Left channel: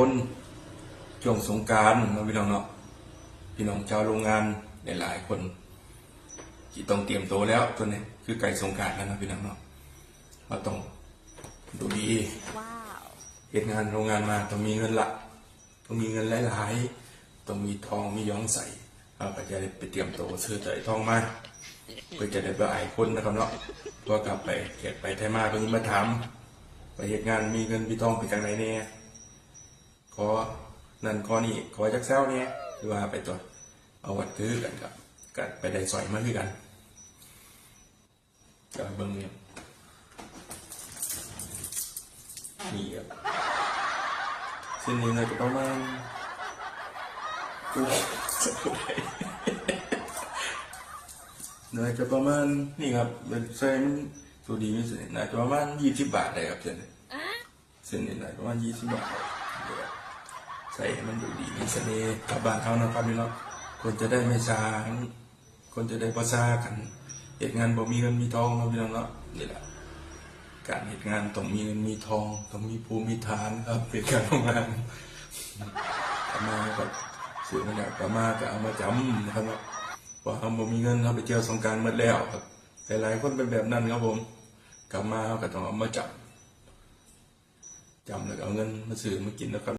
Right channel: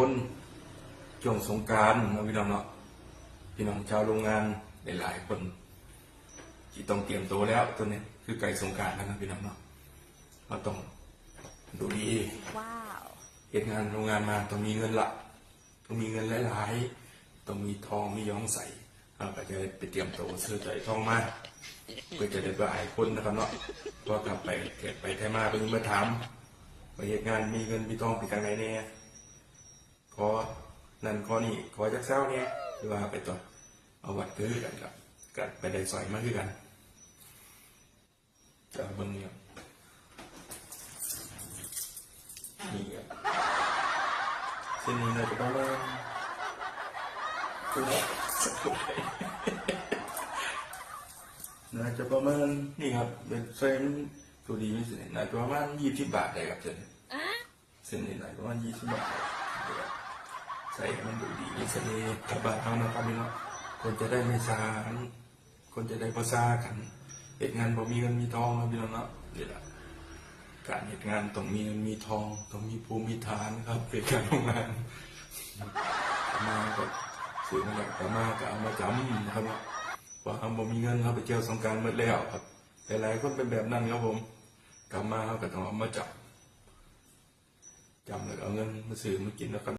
คนช่วงสงกรานต์พี่น้องเนาะพี่น้องชาวโรงงานหลายๆคนที่ต้องเตรียมตัวแล้วตัวนี้คือไก่สงกรานต์แล้วนะพี่น้องเนาะเราต้องดูดีว้าวเหตุงานโรงงานมาต้องมีเงินละต้องมีเงินหลายๆต้องมีทองมีย้องใส่เราก็จะไปเตรียมตัวซื้อใจทองมาเพื่อจะได้ไปไอ้คนนะครับเนาะตัวกลับไปเก็บไปไทยมาเพิ่งมาถามไปเหตุงานมีเงินมีทองไปจากไหนเนี่ยขอนั่นขอนี่ขอจักเศร้าเนี่ยคือว่าไปตัวเอาวัดคือกันกับไปได้สอยมาคือกันกับเบิ้งนี่ครับเส้นนี้เนี่ยก็ประมาณเนื้อจะประมาณนี่ครับเป็นเส้นตัวดีนี่เส้นน่าจะประมาณ20 บาทเลยครับเส้นนี่น่าจะประมาณ20 บาทใส่มันดูดีมีเสน่ห์กับบานเท่านะครับพี่น้องคนจะได้ไม่ซาคนจะได้ประสากันเหตุงานบ่มีเงินมีทองเนาะพี่น้องเนาะนี่แหละการเหตุงานต้องมีเงินมีทองต้องมีภูมิฐานครับเป็นการทำงานมาแบบสื่อมาแล้วก็มาก็เอามาจำนะครับพอทำบ่มีเงินเราไปเที่ยวสงกรานต์หมดแล้วครับแต่หลายคนเป็นแบบนั้นครับผมกลับมาเขาก็ต้องเอามาจำแล้วเอาเงินมาซื้อมากินนะครับ